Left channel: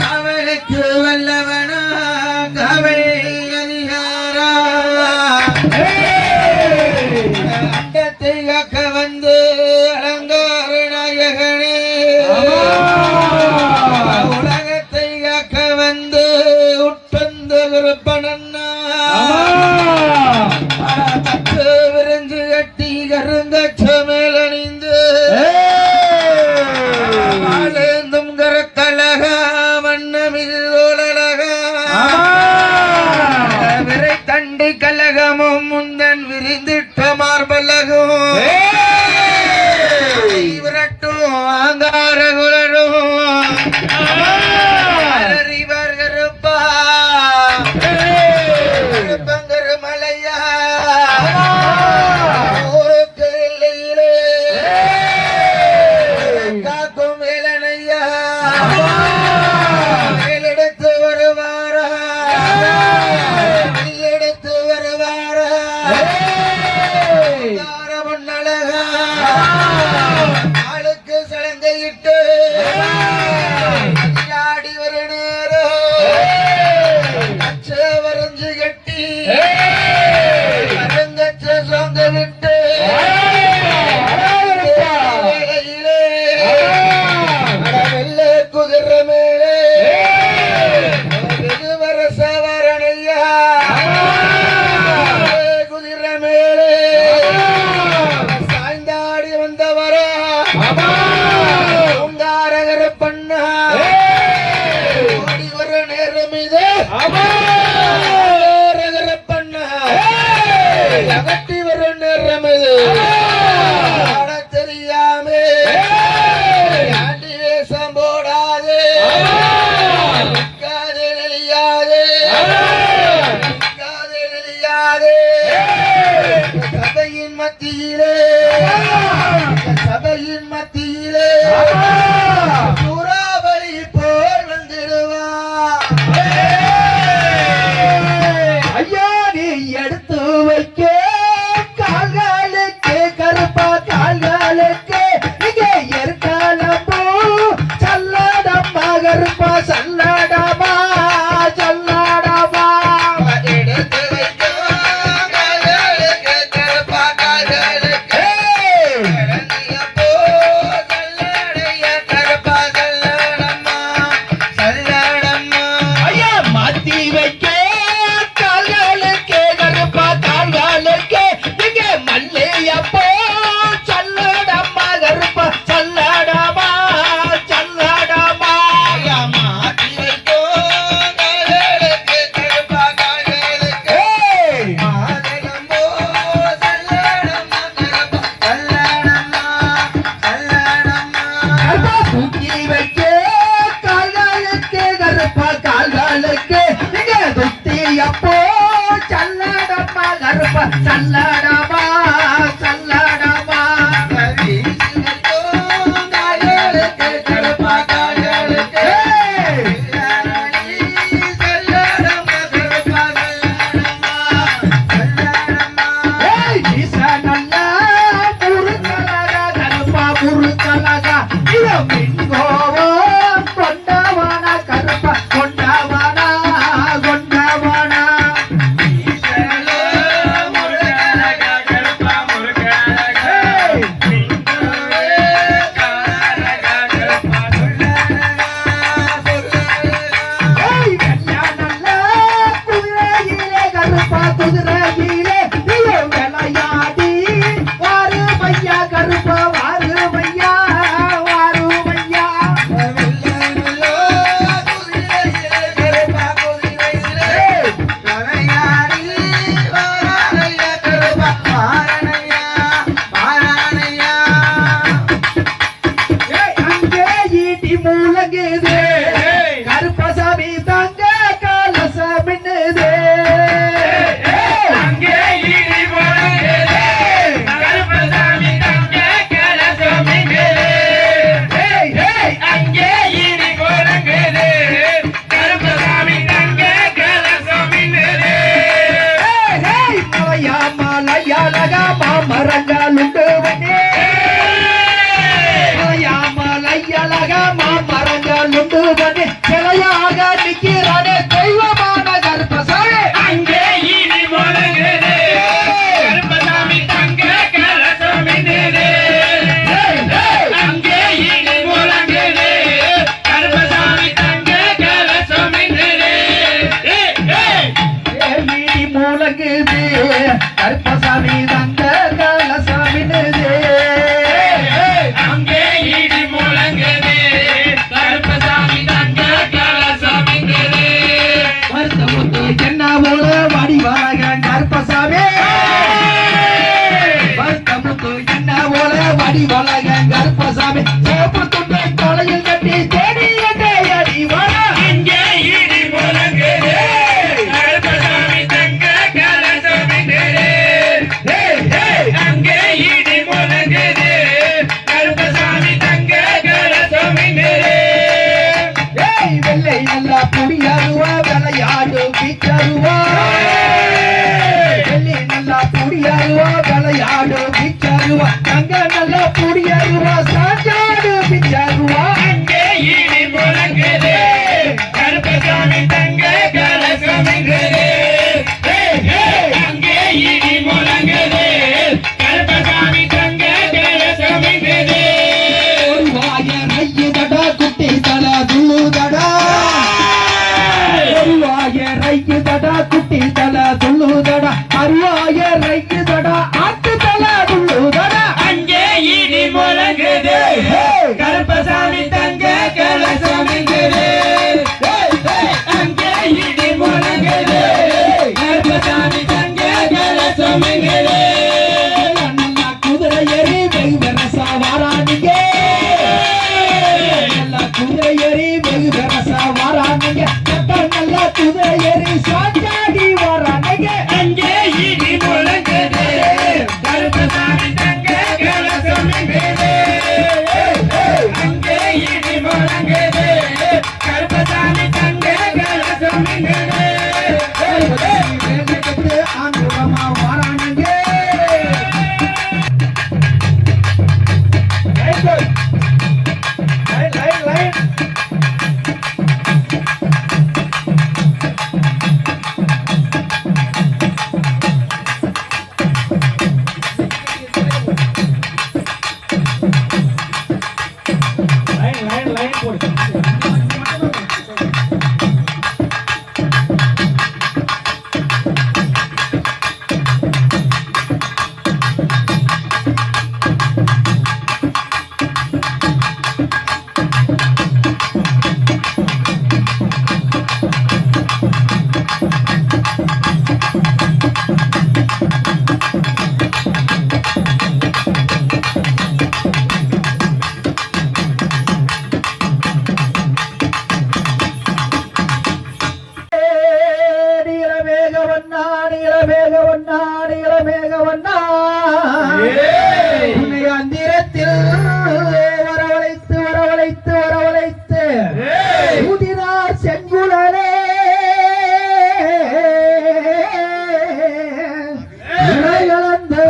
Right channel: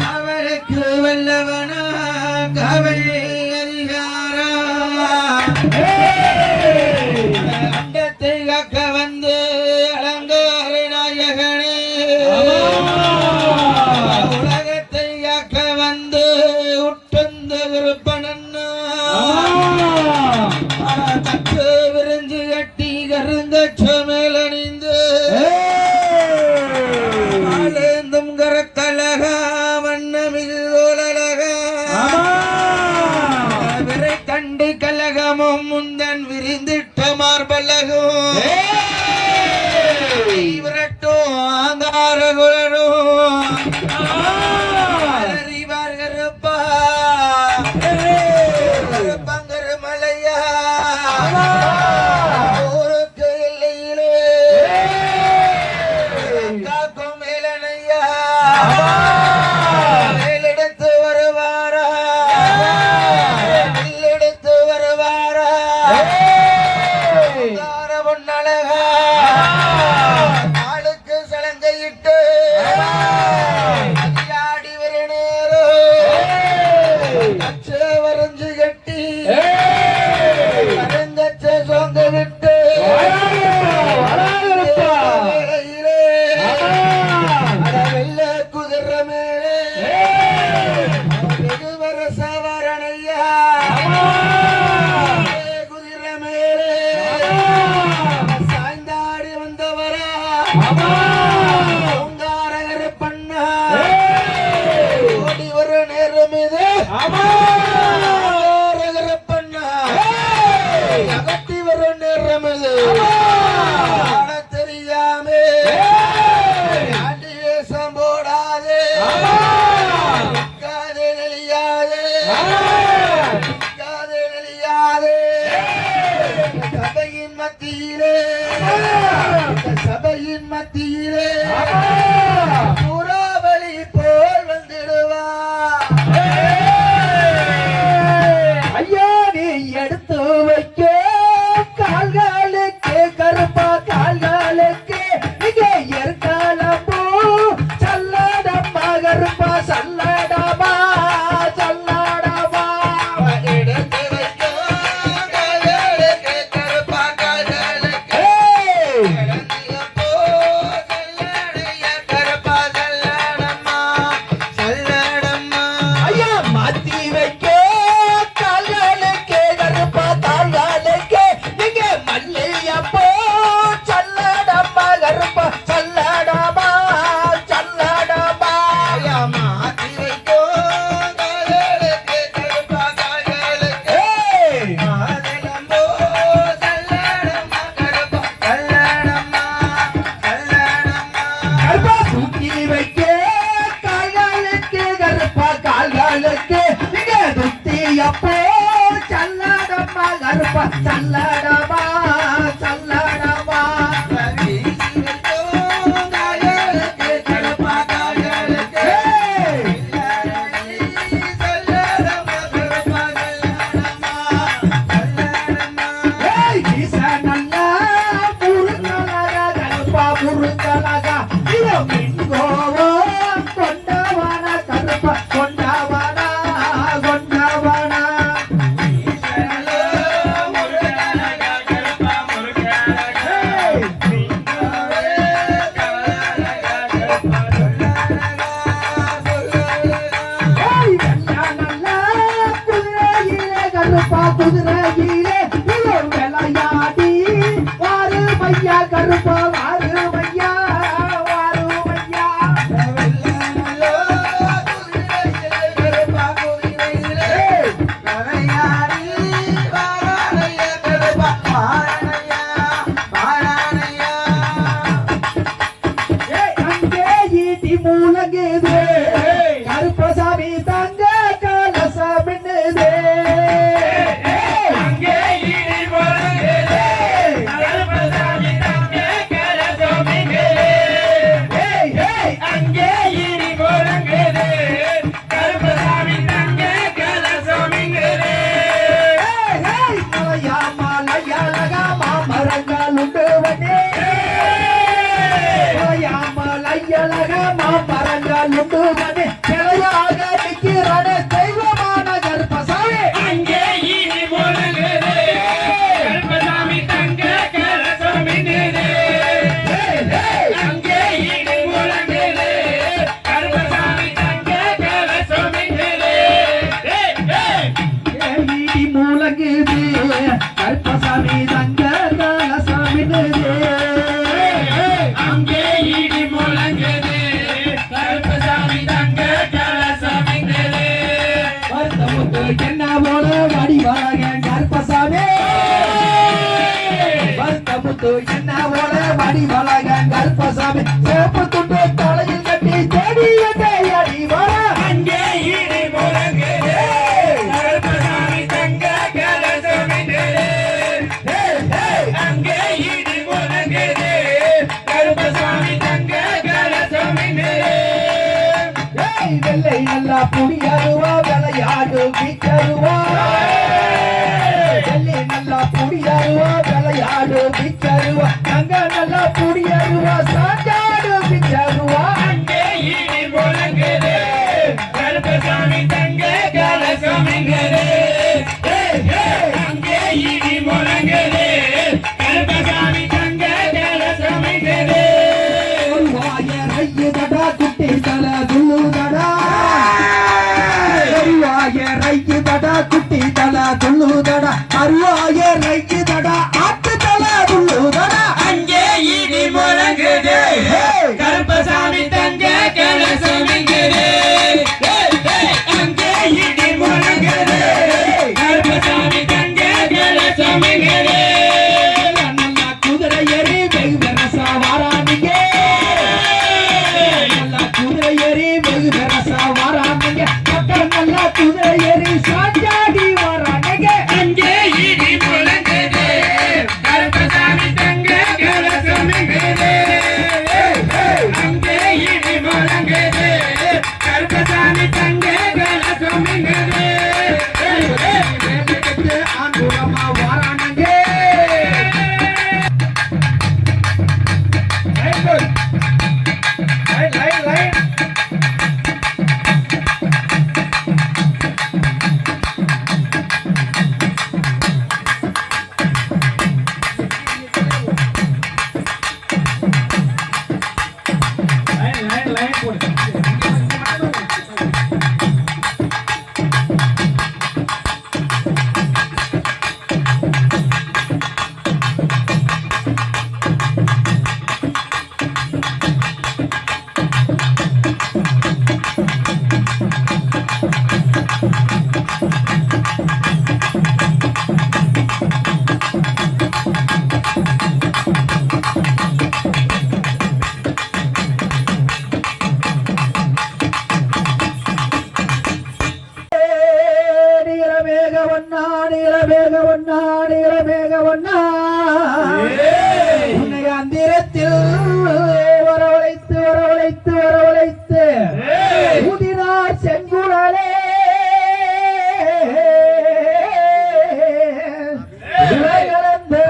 காவலுக்கு வல்லவனா காவல் அதிகாரா அண்டத்தை காக்க வந்து அலங்கார நாயகனே உலகத்தை காக்க வந்து உட்பந்த விருப்பனன்னா தத்து விரிஞ்சு கட்டி கருந்த மேல் அணிந்து கரக்கழகா வண்ணமிழகா விரை தண்டு கலகமும் முந்தன் விரிந்திட்ட மார்பலகும் விரட்டும் ஆங்கார குரடும் அறிவார் கருப்பா கருப்பங்கரு மலையா ஆளுக்கு சலங்கையிட்டு ஆடி ஒரு நேரம் வரைஞ்சு கட்டி அரங்கச்ச சொந்த விட்டு வெள்ள குதிர மேலே வரச வரணையா குதிர மேலே அகட்டி வரும் நேரம் இது தெரியாமே ஆண்டி வேஷம் போடாதே நெளியாதே நெளியாதே சபையின் மத்தியிலே சபையின் மத்தியிலே சூறாவளி போல் வந்திடுவா ஐயா நீ எடுத்து வைக்க கால்களுக்கு கருப்பா கால்களுக்கு இங்கே எற்காலமோ சல்லாடம்மா கருப்பா சல்லாடமா சல்லாடமா எடுத்து வைக்க கால்களுக்கு கருப்பா கால்களுக்கு கருப்பா சல்லாடம்மா சல்லாடம்மா ஐயா மாத்தி வைக்க சல்லடமா சல்லடமா காயலுக்கு கருப்பா காயலுக்கு சல்லடமா கருப்பா சல்லடமா சல்லடமா ஏய் ஈசனல்ல முருகலக கருப்பா முருகலக இது மின்கோவோ கொண்டவன கருப்பா கொண்டவன கொண்டவன குதிரையிலே விளையாடி வாரு மையா கருப்பா வாரு மையா வாரு மையா கருப்பா குதிரையிலே விளையாடி வாரையா கருப்பா வாரணையா வாரணையா அங்கே ஈட்டி மூலங்குதே கருப்பசாமி தங்க காலசாமின்னுதே மரங்காலுண்டு அழகமா மரங்கள் உண்டு தானே சிலையாக நிற்கிறானே தெய்வமான கருப்பசாமி அங்கே இடி முழங்குது கருப்பசாமி தங்க கலசம் மின்னுது அங்கே இடி முழங்குது கருப்பசாமி தங்க கலசம் மின்னுது இடி முழங்குது கருப்பசாமி தங்க கலசம் மின்னுது அங்கே இடி முழங்குது கருப்பசாமி தங்க கலசம் மின்னுது வருத்தமுத்து என்ன போல வடிவாக கருப்பசாமி வருத்தமுத்து என்ன போல வடிவாக கருப்பசாமி சோப்பு துண்டை தலையில் கட்டி தேடி என்னை அடி வர அங்கே இடி முழங்குது கருப்பசாமி தங்க கலசம் மின்னுது அங்கே இடி முழங்குது கருப்பசாமி தங்க கலசம் மின்னுது வெள்ளை நல்லா புடியாருவா விளையாடு பிச்சருவா வெள்ளை நல்லா புடியாருவா விளையாடு பிச்சருவா தங்க நல்லா புடியாருவா சாஞ்சாடு பிச்சருவா அங்கே இடி முழங்குது கருப்பசாமி தங்க கலசம் மின்னுது அங்கே இடி முழங்குது கருப்பசாமி தங்க கலசம் மின்னுது ஒரு வாய ரையுதடா குட்டி தல துள்ளுதடா ஒரு வாய ரையுதடா குட்டி தல துள்ளுதடா அருவாய ரையுதடா ஆட்டு தல துள்ளுதடா அங்கே இடி முழங்குது கருப்பசாமி தங்க கலசம் மின்னுது அங்கே இடி முழங்குது கருப்பசாமி தங்க கலசம் மின்னுது நல்லா குதிரை ஏறி வெகு வெரசா வாரானிங்க நல்லா குதிரை ஏறி வெகு வெரசா வாரானிங்க மக்கள் நல்லா குதிரை ஏறி சாஞ்சாடி வாரானிங்க அங்கே இடி முழங்குது கருப்பசாமி தங்க கலசம் மின்னுது அங்கே இடி முழங்குது கருப்பசாமி தங்க கலசம் மின்னுது வேலைக்கு ஆண்டுரமா வாரானிங்க நீலமேகவண்ணா நீலமேகவண்ணா நீலமேகவண்ணா உன்னை அந்திரத்தில் வரவழைத்து வரவழைத்து வரவழைத்து ஊதினார் செஞ்சுடனே கலந்து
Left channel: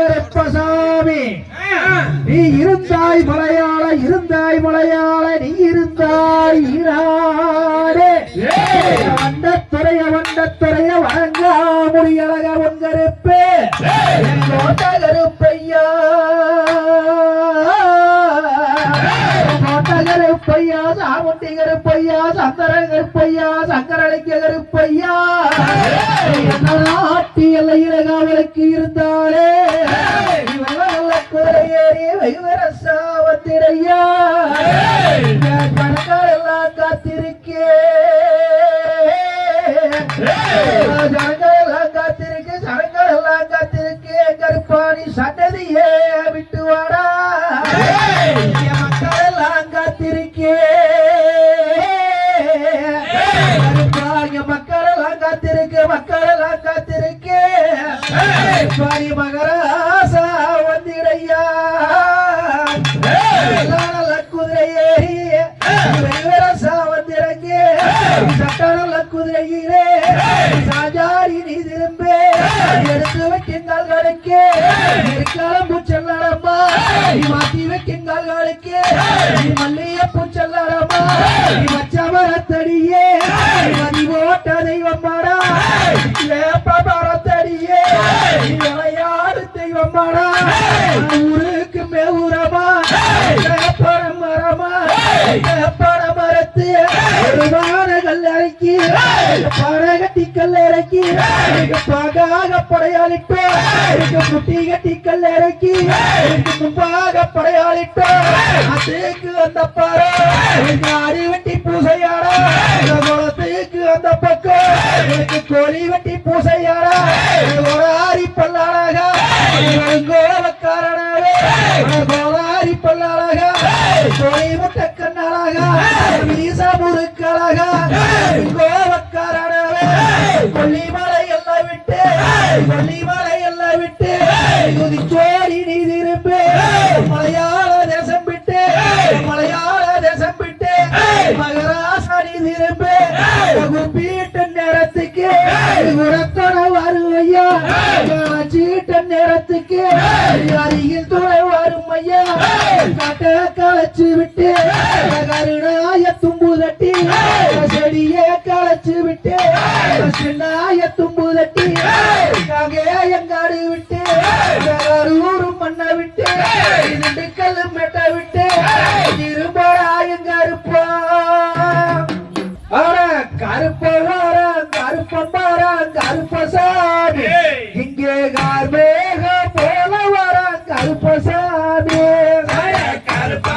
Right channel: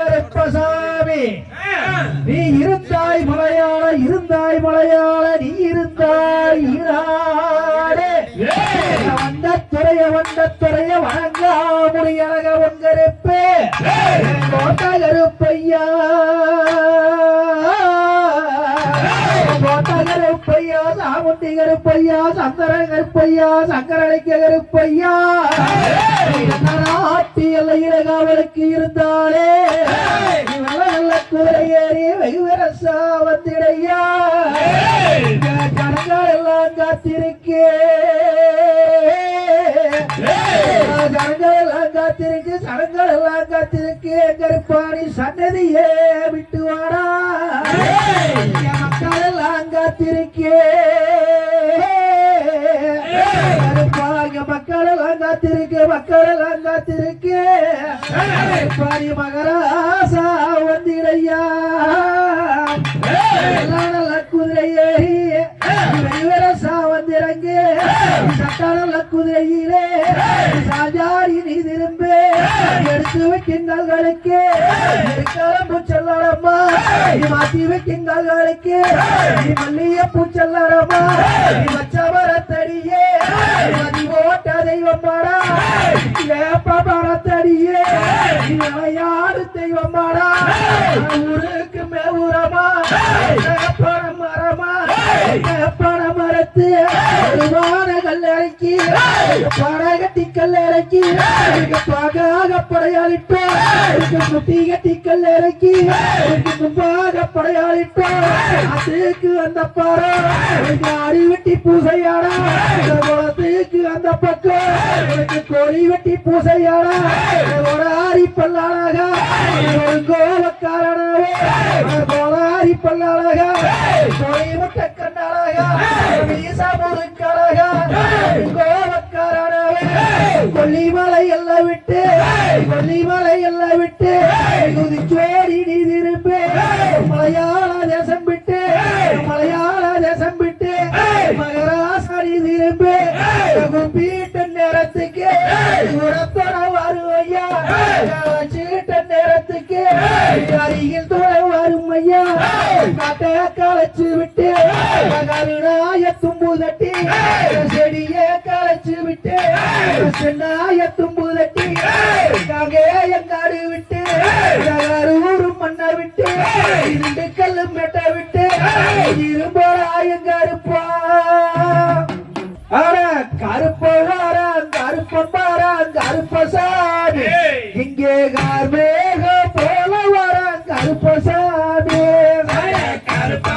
கருப்பசாமி நீ இருந்தாய் மலையாள இருந்தாய் மலையாள நீ இருந்தாய் ஈராடே வண்டத்துறைய வணங்கா முடியழக உன் கருப்பு கோட்ட கருப்பையா கோட்ட கருப்பையா சாமுண்டி கருப்பையா சங்கர கருப்பையா சங்கரளிக்க கருப்பையா நாட்டி எல்லையில காவலுக்கு இருந்தாலே குறையேறி வைவரசாவத்திரையா ஜனங்கள் எல்லாம் காத்திருக்கே ஜனங்கள் எல்லாம் காத்திருக்கு சனங்கள் எல்லாம் காத்திருக்கு கருப்பாணி சன்னதியே விட்டு வாடா மக்கள் எல்லாம் காத்திருக்கே கருப்பாங்க மக்கள் எல்லாம் காத்திருக்கு மக்கள் எல்லாம் காத்திருக்கு பாரி மகராசா வந்திடையா நல்ல குதிரை ஏறி வந்திறங்க சட்டநல குதிரையிலே சாஞ்சாரி நீ திரும்பி எடுத்து வைக்கின்றவர்களுக்கு இருக்கிற பூச்சல்லடமா நீ மாட்டி வைக்கின்றவர்களுக்கு நீ மல்லிய பூச்சல்லடமா நீ மச்ச மரத்தடியே மதி ஓட்ட தெய்வமாடா ஏப்ப மரத்தடியே நீ அலையாறு தெய்வமாடா ஊருக்கு மேவுரமா பண மரமா பண மரத்து வான கல்லறைக்கு படகட்டி கல்லறைக்கு பாகாக படையாளிட்டோ குட்டி கட்டி கல்லறைக்கு பாக படையாளிட்டோ அதுக்கு அந்த பாறை ஆடி வெட்டி பூசையாடா குளத்துக்கு அந்த பக்கம் எனக்கு கோழி வெட்டி பூசையாடா ஒரு ஆரி பல்லாளாக கோலக்காரனாக கோலாரி பல்லாளாக கோழி வெட்ட கண்ணாளாக வீச முறுக்காளாக கோலக்காரனாக கொல்லிமலை எல்லாம் விட்டு கொல்லிமலை எல்லாம் விட்டு சோடி நீ திரும்பி மலையாள தேசம் விட்டு மலையாள தேசம் விட்டு மகராசனி திரும்பி வீட்ட நேரத்துக்கு உரத்தன வருவையா சீட்ட நேரத்துக்கு அருகில் தொலை வரும் ஐயா காட்ட களைச்சு விட்டு கருணாய தும்பு தட்டி செடியே களைச்சு விட்டு சென்னாய தும்பு தட்டி எங்காடு விட்டு ஊரு மண்ணை விட்டு இரண்டு கல்லு மெட்டை விட்டு இரும்படா எங்க இருப்பா கருப்பசாமி இங்கே கார்மேக போல வர கருப்பசாமி கருப்ப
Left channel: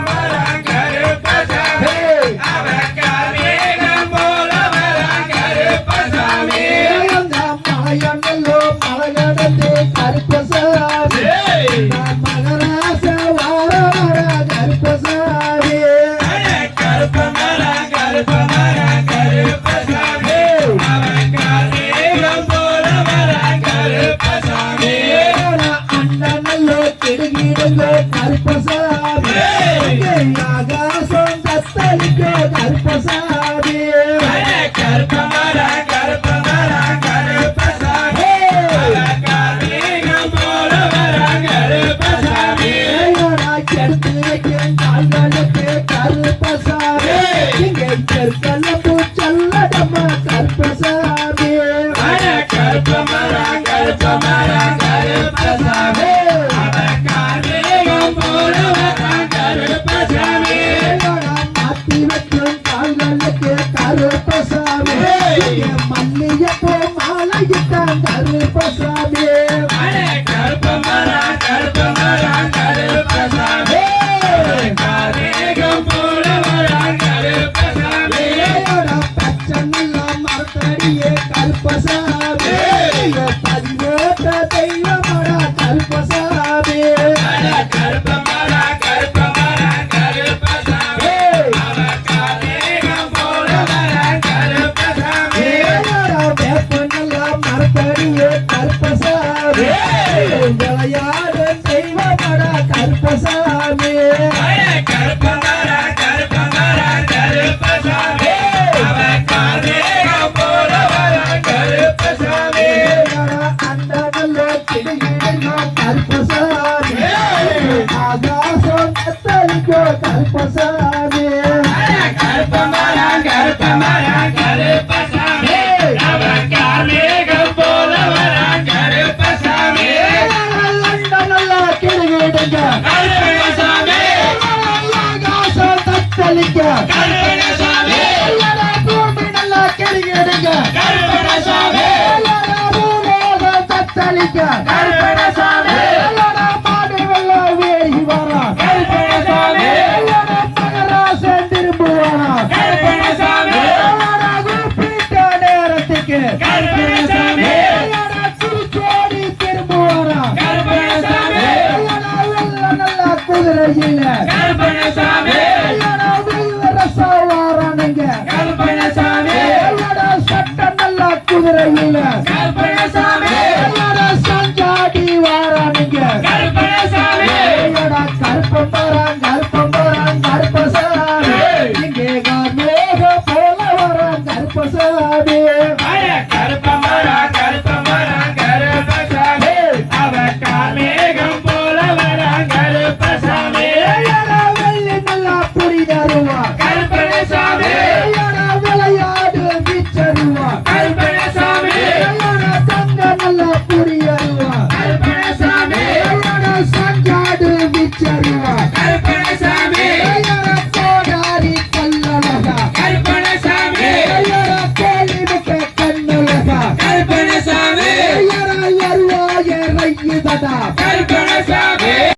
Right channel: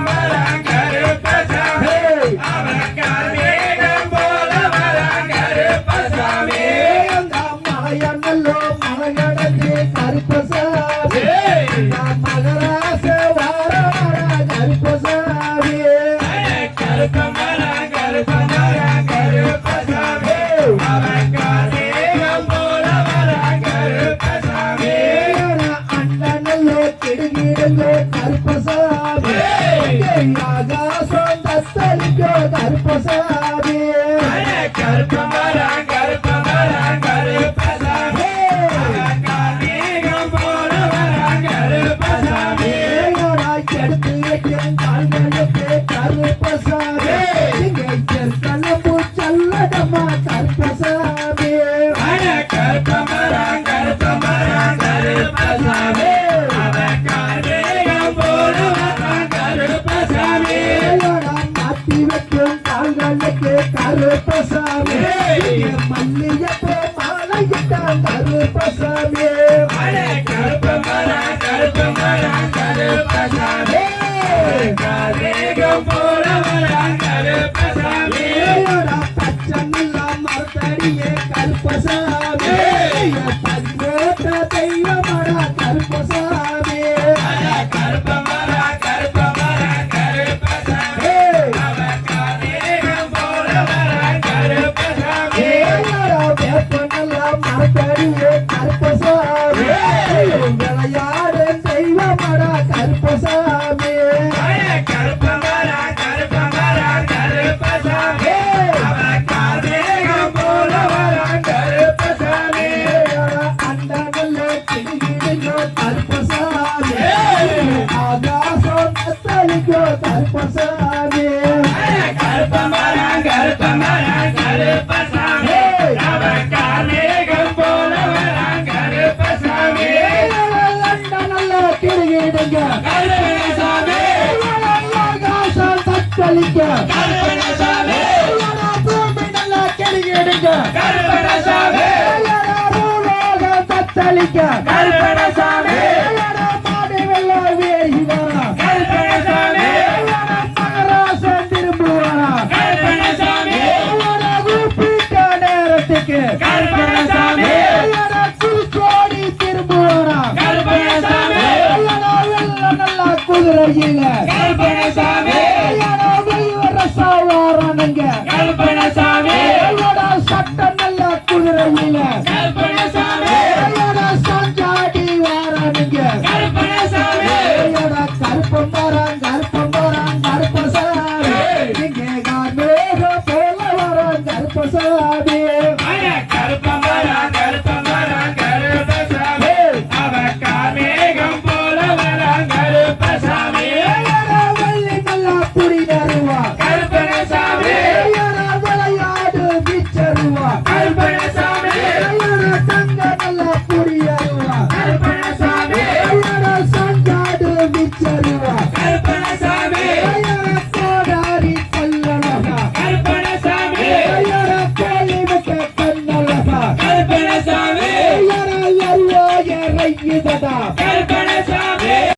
மரம் கருப்பசாமி அவன் காவேகம் போல வரான் கருப்பசாமி மலையனல்லோ மலையனது கருப்பசாமி மகராச வார வர கருப்பசாமி கருப்ப மரம் கருப்பசாமி அவன் காவேகம் போல வரான் கருப்பசாமி அண்ணனல்லோ கிடுகிடல்லோ கருப்பசாமி ஆகாசம் கத்தளிக்கோ கருப்பசாமி கருப்ப மரம் கருப்பசாமி அவன் காவேகம் போல வரான் கருப்பசாமி எடுத்து வைக்கும் கால்களுக்கு கருப்பசாமி இங்கே செல்கல்ல பூச்சல்லடமா கருப்பசாமி கருப்ப மரம் கருப்பசாமி அவன் காவேகம் போல வரான் கருப்பசாமி மாட்டி வைக்கும் கால்களுக்கு கருப்பசாமி இங்கே மல்லியப்போ மாலையிட்டான் கருப்பசாமி கருப்ப மரம் கருப்பசாமி காவேகம் போல வரான் கருப்பசாமி பச்சனில்ல மரத்தடியே கருப்பசாமி பதினோட்ட தெய்வமடா கருப்பசாமி கருப்ப மரம் கருப்பசாமி அவன் காவேகம் போல வரான் கருப்பசாமி வேப்பனல்ல மரத்தடியே கருப்பசாமி விளையாட தெய்வமடா கருப்பசாமி கருப்ப மரம் கருப்பசாமி அவன் காவேகம் போல வரான் கருப்பசாமி அண்டனல்லோ கிடுகிடல்லோ கருப்பசாமி ஆகாசம் கத்தளிக்கோ கருப்பசாமி கருப்ப மரம் கருப்பசாமி அவன் காவேகம் போல வரான் கருப்பசாமி அண்டனல்லோ கிடுகிடுங்க கருப்பசாமி ஆகாசம் கத்தளிக்க கருப்பசாமி பூமி நல்லா கிடுகிடுங்க கருப்பசாமி தத்தளிக்க கருப்பசாமி மாடு வெள்ளம் வேகி வரா கருப்பசாமி மகராசன் திரும்புவானா கருப்பசாமி குறிப்பிட்ட நேரத்துக்கு கருப்பசாமி குறிச்சோடி திரும்புவானா கருப்பசாமி நல்லா குதிரையில கருப்பசாமி சவாரானுங்க கருப்பசாமி சட்ட